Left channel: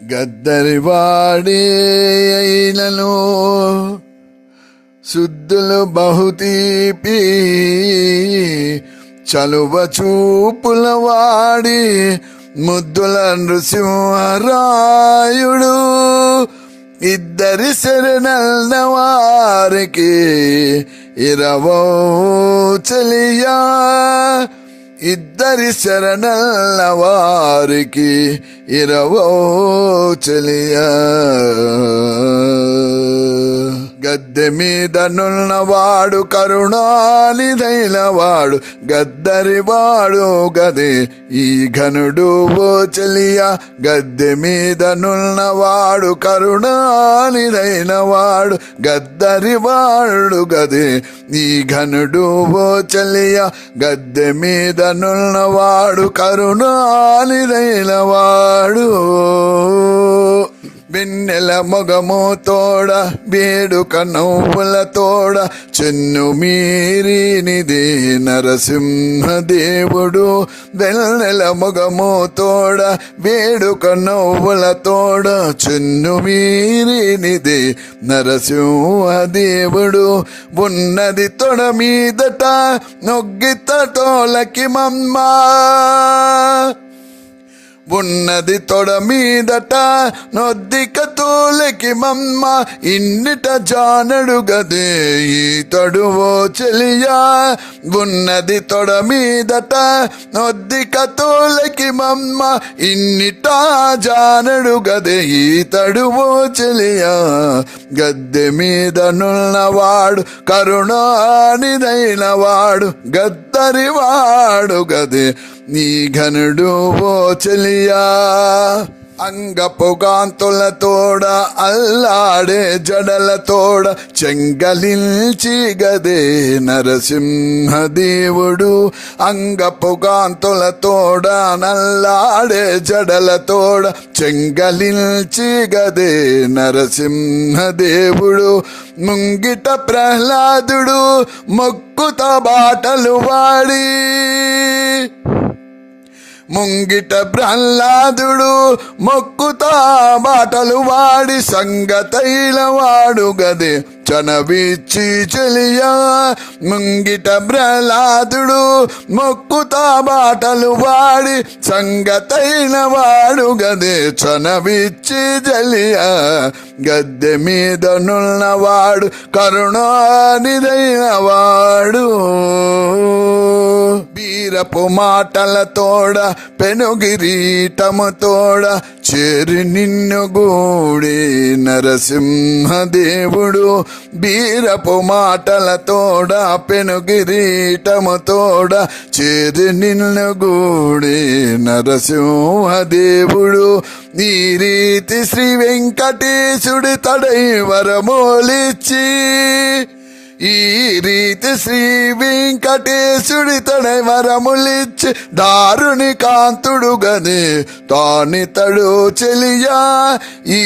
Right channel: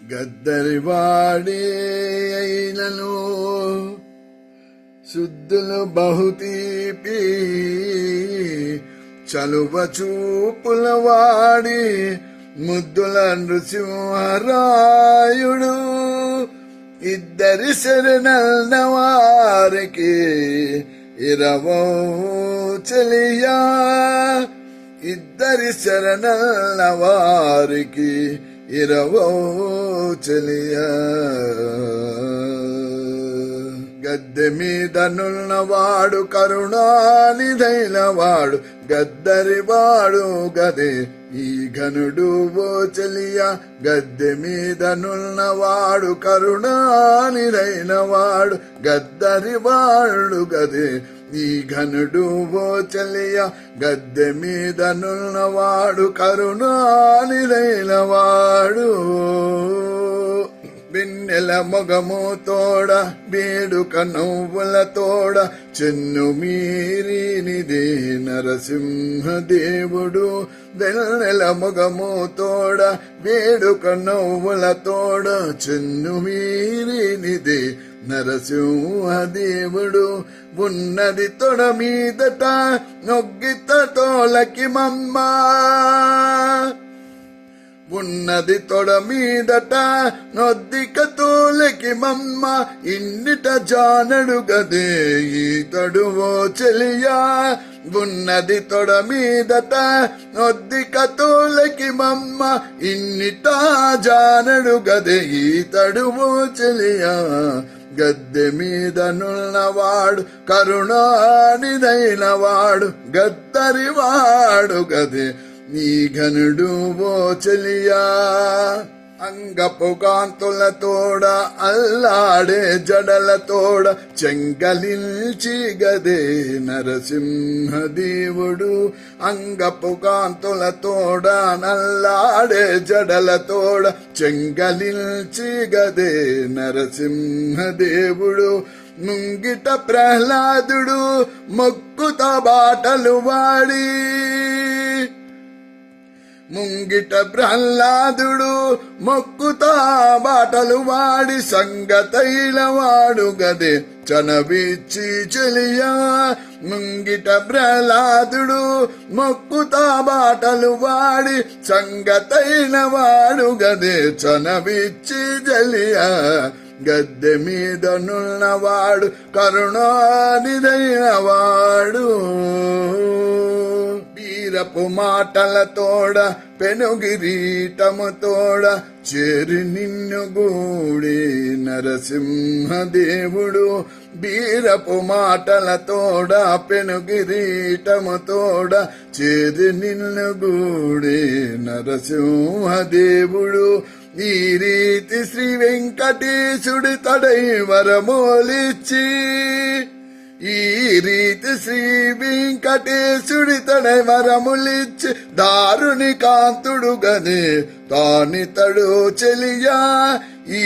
గద్దరివాడే అయినను శుద్ధులు బహుతీపి చలువ చూపుల వాడి ముద్దుల నృసింహరాయుడు ఇద్దరి శరణన్న వారికి ఇరవో చెలియా ఇద్దరి శరణన్న వారికి ఇరవో చెలియా గద్దె మీద నున్నవాడు కరుణానిధైన వాడు గద్దరివాడు గదే ఈ ఘనుడు ఓ చెలియా గద్దె మీద నున్నవాడు కరుణానిధైన వాడు గద్దరివాడు గదే ఈ ఘనుడు ఓ చెలియా గద్దె మీద నున్నవాడు కరుణానిధైన వాడు వెన్నెల మొగము తోడ వేడుక నవ్వుల తోడ చెన్ను మీరినిదే నరసింహదేవుడు వెన్నెల మొగము తోడ వేడుక నవ్వుల తోడ చెన్ను మీరినిదే నరసింహదేవుడు ఉన్నది తొడ మీదట నొగ్గిత తోలకి మమ్మా ఉన్నది తొడ మీదట నొద్దిక తోలకి మమ్మ ఇన్నిట జానడు గదే ఈతడు ఓ చెలియా ఉన్నది తొడ మీదట నొద్దిక తోలకి మమ్మ ఇన్నిట జానడు గదే ఈతడు ఓ చెలియా గద్దె మీద నున్నవాడు కరుణానిధైన వాడు గద్దరివాడు గదే నీ ఘనుడు ఓ చెలియా అంగపుగాంతుల తోడ అల్లాడే జడల తోడ చెంగలించి గదే నరసింహదేవుడు అంగపుగాంతుల తోడ నల్లాడే జడల తోడ చెంగలించి గదే నరసింహదేవుడు ముంగిట ప్రహ్లాదుడు మొక్కుత బాటలు వాడి ముంగిట ప్రహ్లాదుడు మొక్కుతా బాటలు వాడి సంగతైల వాడు గదే చనవిచ్చి చెలియా ముంగిట ప్రహ్లాదుడు మొక్కుతా బాటలు వాడి సంగతైన వాడు గదే చనవిచ్చి చెలియా గద్దె మీద నున్నవాడు కరుణానిధైన వాడు వీరపు మాటల తోడ పెనుగిరీటము తోడ చేరి నిన్ను గూడి నరసింహదేవుడు వీరపు మాటల తోడ పెనుగిరీటము తోడ చేరి నిన్ను గూడి నరసింహదేవుడు ఈ రీతి శ్రీ వెంకటేశుడి తడై వరమోలిచ్చి ఈ రీతి శ్రీ వెంకటేశుడి తడై వరములిచ్చి దారుని కాంతుడు గదే తానితడు చెలియా ఈ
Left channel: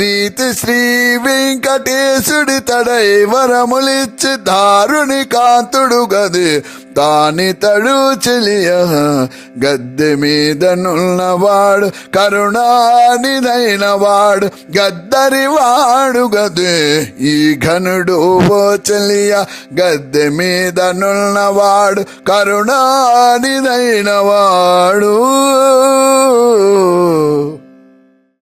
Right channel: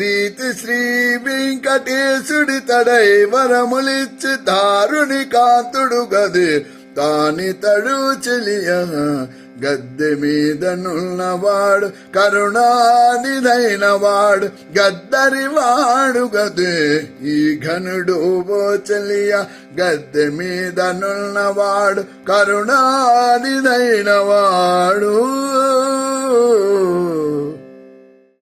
రీతి శ్రీ వెంకటేశుడి తడై వరములిచ్చి దారుని కాంతుడు గదే తానితడు చెలియా గద్దె మీద నున్నవాడు కరుణానిధైన వాడు గద్దరివాడు గదే ఈ ఘనుడు ఓ చెలియా గద్దె మీద నున్నవాడు కరుణానిధైన వాడు